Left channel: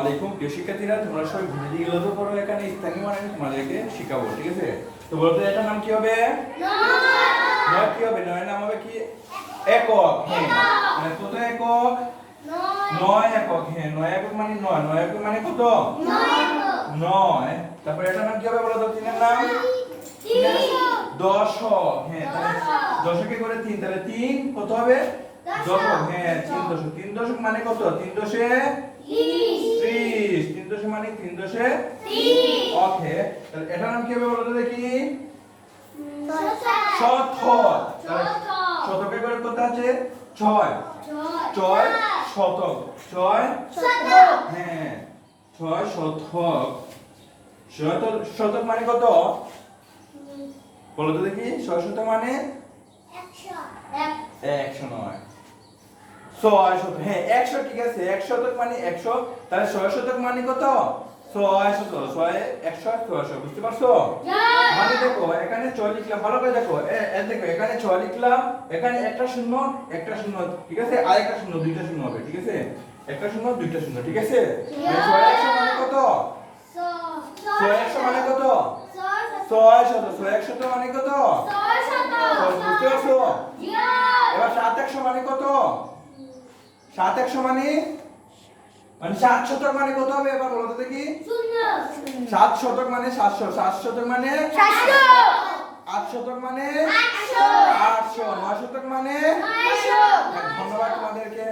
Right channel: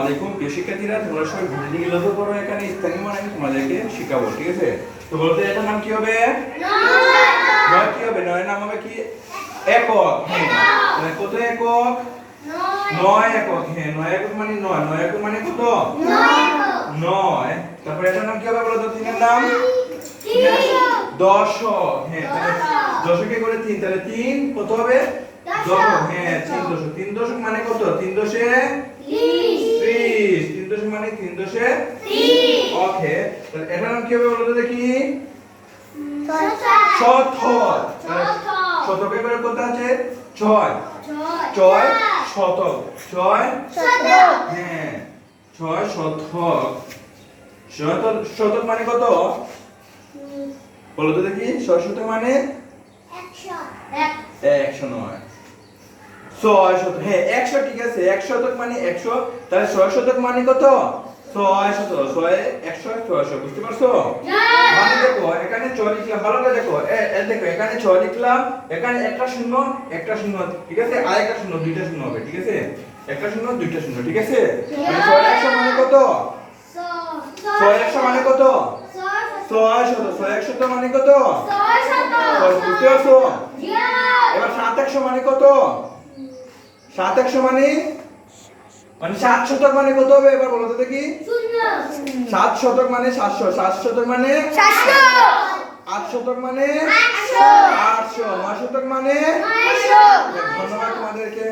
আলাইকুম। প্রিয় শিক্ষার্থীরা, তোমরা সবাই ভিডিওটি লক্ষ্য করো এখানে, স্থানীয় মানে আমি তোমাদেরকে শেখাবো, ঠিক আছে? তো বলতে এটার নাম কি হবে? নয় কি হবে? নয় নাম হবে কি? একক হ্যাঁ। মানে কত একক? নয় একক হ্যাঁ নয় একক মানে নয় নয় একক মানে কত? নয়। তারপরে এটার নাম কি হবে বলো তো? তিনের নাম? দশক হ্যাঁ তাহলে দশকে করে তিন, তাহলে তিন কত হবে? দশক হ্যাঁ তিন দশক। তিন দশক মানে কত? তিন দশে দশক মানে তিন। দশে ওকে তাহলে এটার নাম কি হবে বলো তো দেখি। শতক শতকে করে কত আছে? ছয়। ছয়। শতক। ছয়? হ্যাঁ। ছয় শতক। শতক শতক মানে কত? বলো তো দেখি ছয় শতক মানে? একশো নয়। ছয় শতক। হ্যাঁ একশো ঠিক আছে এক শতক মানে একশো তাহলে ছয় শতক মানে কত? ছয় শত ছয় একশো ছয়শো বুঝতে পারছ? মানে দেখো এখানে ছয় লিখলাম ভালো করে দেখো দেখো এখানে ছয় লিখলাম এখানে একটা শূন্য একটা শূন্য ঠিক আছে? আর একটা শূন্য দুইটা শূন্য হবে ঠিক আছে? একটা শূন্য দুইটা শূন্য ঠিক আছে? মানে ছয় একশো মানে কত? ছয় একশো মানে কত? ছয় শত ছয় একশো মানে কত? বুঝতে পারছ? এবার সাত একশো মানে কত? সাত একশো মানে? মানে সাত শতক মানে কত হবে? এবার বলো তো দেখি। সাত শতক মানে সাতশো। সাত শতক মানে? আট শতক মানে? আটশো। নয় শতক মানে? ধন্যবাদ তোমাদেরকে।